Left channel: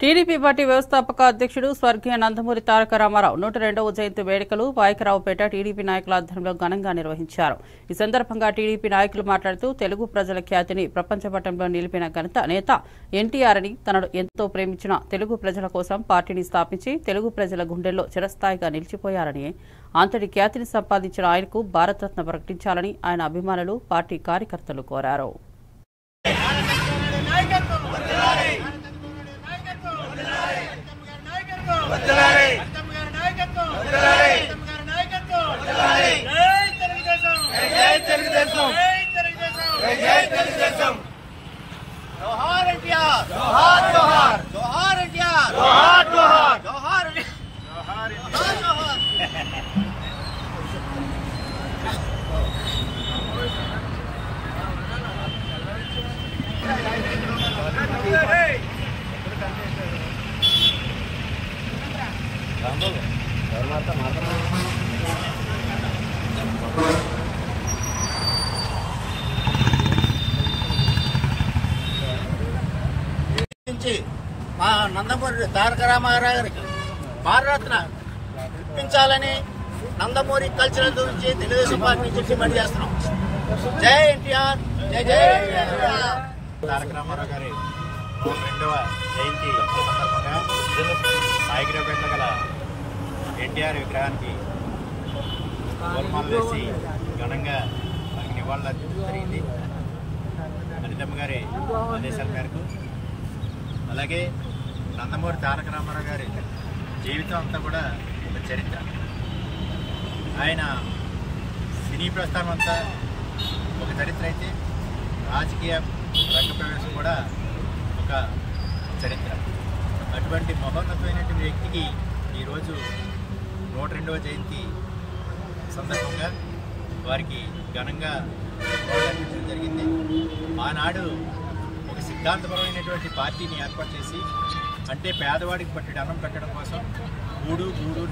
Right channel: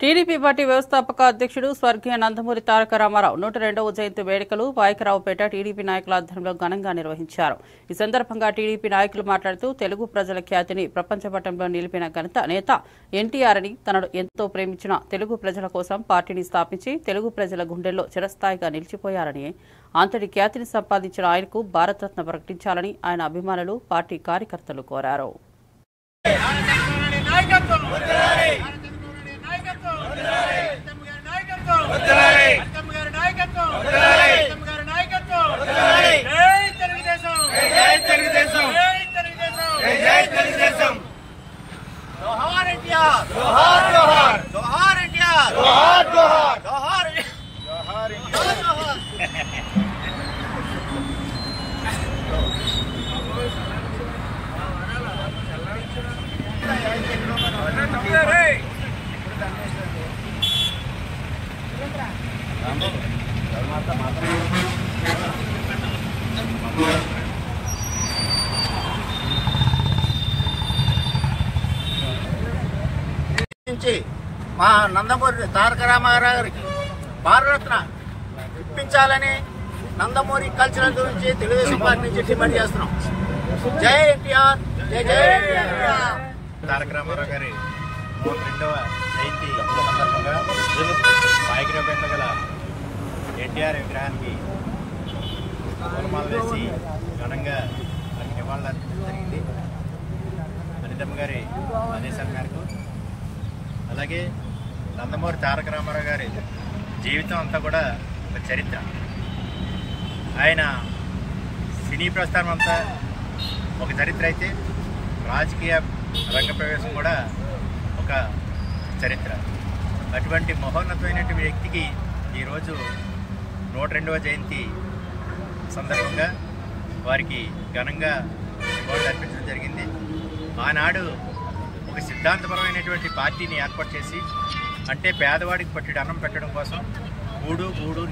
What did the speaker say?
TDP party వ్యవస్థాపక అధ్యక్షుడు స్వర్గీయ నందమూరి తారక రామారావు 102వ జయంతి వేడుకలు పాయకరావుపేట టీడీపీ నాయకుల ఆధ్వర్యంలో ఘనంగా నిర్వహించారు. ఈ సందర్భంగా టీడీపీ నాయకులు మాట్లాడుతూ తెలుగు ప్రజల ఖ్యాతిని ప్రపంచ పటంలో నిలిపిన ఘనత నేత ఎన్టీఆర్ అని, తనను ఎంతో ప్రేమించిన తెలుగు ప్రజల కోసం పార్టీని స్థాపించి తెలుగు ప్రజల గుండెల్లో చిరస్థాయిగా నిలిచిపోయారని, అంతటి ఖ్యాతిని సంపాదించిన ఆయనకు భారతరత్న ప్రకటించాలని ఆయన అభిమానులు, పార్టీ కార్యకర్తలు కోరారు. మా నందమూరి తారక రామారావు గారికి భారతరత్న ఇప్పించాలని నందమూరి కల్చరల్ గురించి తెలుగుదేశం పార్టీ నుంచి డిమాండ్ చేస్తున్నాం. జై ఎన్టీఆర్, జై జై ఎన్టీఆర్. తారక రామారావు గారి 102వ జయంతి సందర్భంగా పాయకరావుపేటలో గల ఎన్టీఆర్ విగ్రహానికి పూలమాల వేసి ఘనంగా వారికి నివాళులు అర్పించడం జరిగింది. అనితమ్మ గారి ఆదేశాల మేరకు. అలాగే నందమూరి తారక రామారావు గారి జీవితం అంతా కూడా ఒక చరిత్ర. ఆయన సినీ ప్రస్థానం అంతా ఒక చరిత్ర అయితే, రాజకీయ రంగ ప్రవేశం కూడా ఒక చరిత్ర. అటువంటి మహోన్నతమైనటువంటి వ్యక్తికి ఈరోజు 102వ జయంతి సందర్భంగా వారికి ఘనంగా నివాళులు అర్పించడం జరిగింది. ఆనాడు ఒక సిద్ధాంతపరమైనటువంటి పార్టీని ఏర్పాటు చేసి, అంటే పేదవాడికి పట్టెడు అన్నం పెట్టడం కోసం గూడు